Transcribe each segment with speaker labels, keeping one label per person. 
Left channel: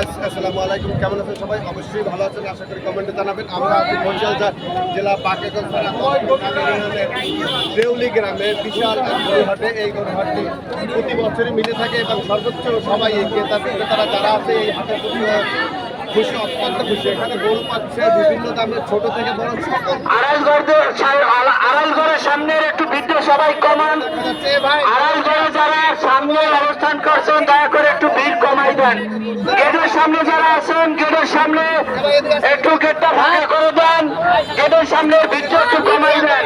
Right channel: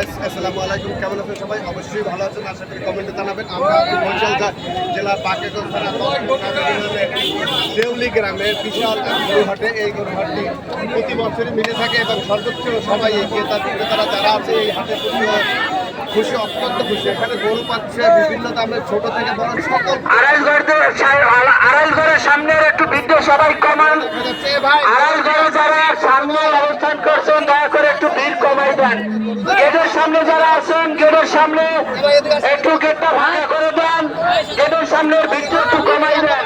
Speaker 1: আসসালামু আলাইকুম। কেমন আছেন সবাই? অবশ্যই ভালো আছেন। আশা করি কমেন্টে জানাবেন। আমরা বরিশাল জেলা বাকেগঞ্জ থানা দশপুর কালীগঞ্জের দেউলি গ্রামের বিশাল গরুহাটে। এই গরুহাটটি প্রতি বছরই মিলে থাকে এবং সর্বোচ্চ সবাই এই ক্রেতা বিক্রেতারা যারা আছে এই হাটের প্রতি খুশি অত্যন্ত খুশি। এখানে গরু পাচ্ছে বিভিন্ন দামের ছোট থেকে বড় সকল
Speaker 2: আড়াইগড়ের সামনের একটু ভিডিও সবাই কমান।
Speaker 1: ভাই।
Speaker 2: আড়াইগড়ে যারা সামনে অবস্থান করছেন দয়া করে একটু দেন গেটের সামনে যারা আছেন, গেটের সামনে একটু গেটটা ভাঙা করে দেন। গেটের সামনে ভিড়টা একটু কমাই দেন।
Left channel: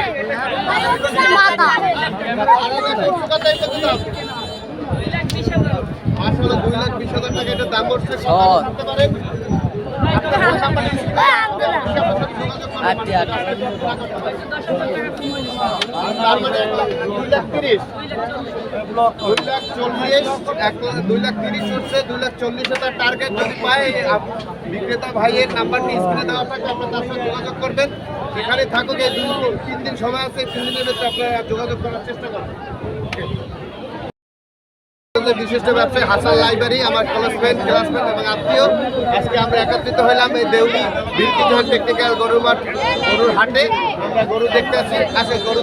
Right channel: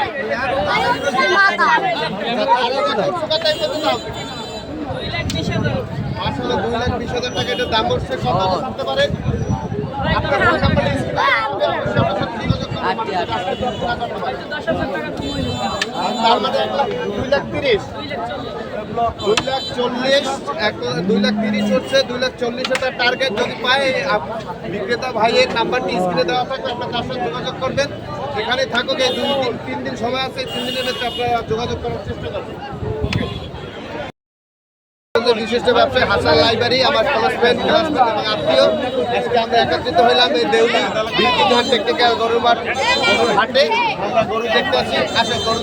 Speaker 1: আসলে দুই লাখ বিশ হাজার টাকা এটা দাম বসছে কথা বলতে পারেন আপনার ফোন নাম্বার অবশ্যই আমার সাথে যোগাযোগ করবেন মানে এটা আসলে পুরা করতে পারেন। আর তার মানে দুই লাখ লাখ চল্লিশ, এক দুই লাখ তিরিশ হচ্ছে, দুই লাখ চল্লিশ টার্গেট যদি পায় বিক্রেতা ভাইয়ের নাম্বারটি স্ক্রিনে দেওয়া থাকবে আপনার তার সাথে যোগাযোগ করবেন। সেখানে থাকুক, এই দুই তিন দিন সময় আছে তিন দিনের মধ্যে আপনারা যোগাযোগ করার চেষ্টা করবেন। আমাদের বিশিষ্ট ব্যবসায়ী হাসান লাইব্রেরি আমার ক্লাস ফ্রেন্ড ক্লাসমেট এবং আত্মীয়। আজকে আমরা একত্রিত হলাম এই দেউলি বিলকিঘাট টেকনিক্যাল গরু মাঠ গরুর হাটে। আমরা গরু দেখতে আসি। আসে, গরু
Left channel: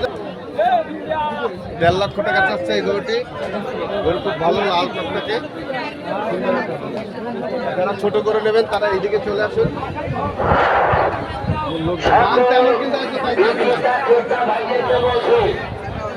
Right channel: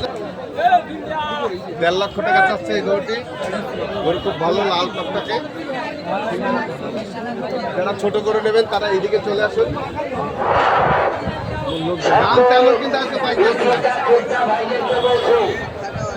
Speaker 1: দেড় লক্ষ টাকা চাচ্ছে এই গরুটি। গরু খুব ভালো, লাল টকটাকে। যারা ছোট গরু নেবেন, তারা এইদিকে চলে আসুন। দাম তেমন কিন্তু আজকে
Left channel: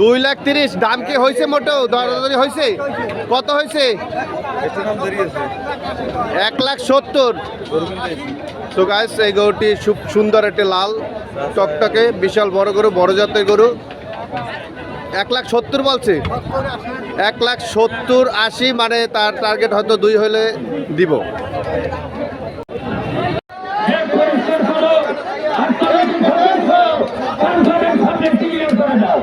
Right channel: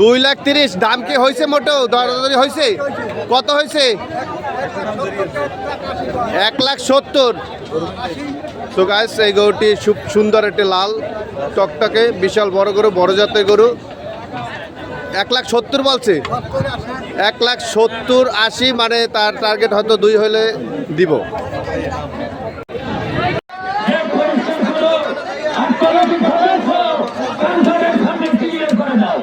Speaker 1: দুই লাখ তিরিশ। দাম কি হয়েছে মোটো? দরদারি হয়েছে? কত হয়েছে? এক লাখ সত্তর। তো গাছ এই গরুটি সুন্দর একটি লাল, টকটকে, বিশাল বড় গরু, বড় জাতের গরু। এক লাখ সত্তর বলছে? এক লাখ সত্তর আশি মানে তার টার্গেট হয়তো দুই হলে দিব
Speaker 2: যে পরিষ্কার করো আপনারা কি করেছ কান্তরের সামনে ক্লিয়ার করে দাও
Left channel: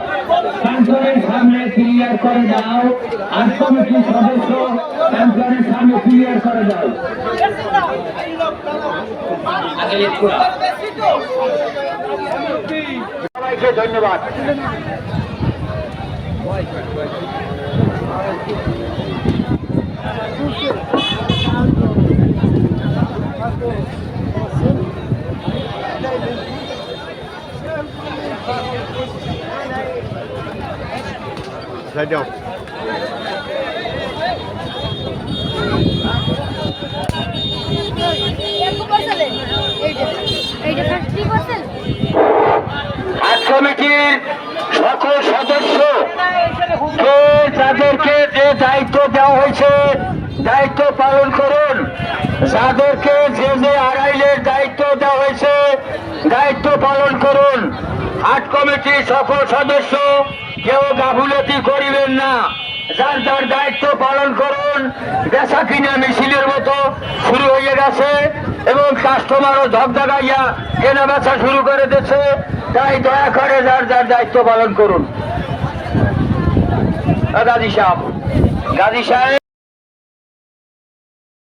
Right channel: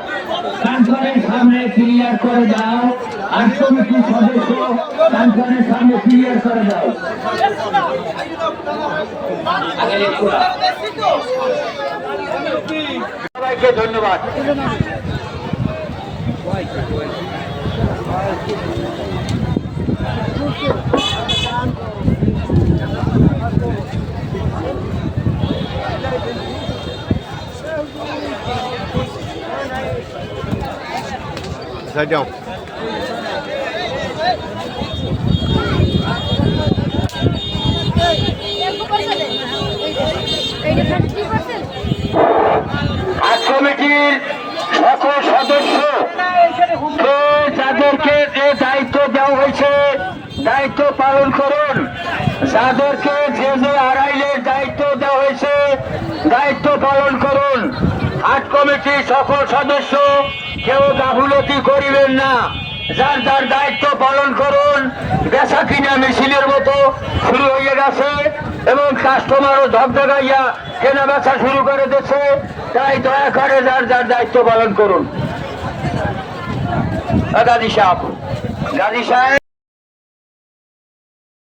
Speaker 2: কান্তরের সামনে ক্লিয়ার করে দাও আর কমিটির সদস্য কান্তরের সামনে ক্লিয়ার করে দাও। ধন্যবাদ
Speaker 3: থার্টি পার্সেন্ট
Speaker 2: সকল সদস্য যাদেরকে যে দায়িত্ব দেওয়া হয়েছে, দায়িত্ব পালন করুন। যাদেরকে যে যে আড়াইলের দায়িত্ব দেওয়া হয়েছে, দায়িত্ব পালন করুন। কমিটির সকল সদস্য, কেউ গাফুলতি করিবেন না। যার যার দায়িত্ব পালন করুন, বেচা কিনা মিছিলের মতো শুরু হয়ে গেছে এবং কাস্টমারও ধকধকাইয়া কেনা বেচা শুরু করে দিচ্ছে তাই দয়া করে যার যার দায়িত্ব পালন করুন। গাজী সাহেব গাজী সাহেব।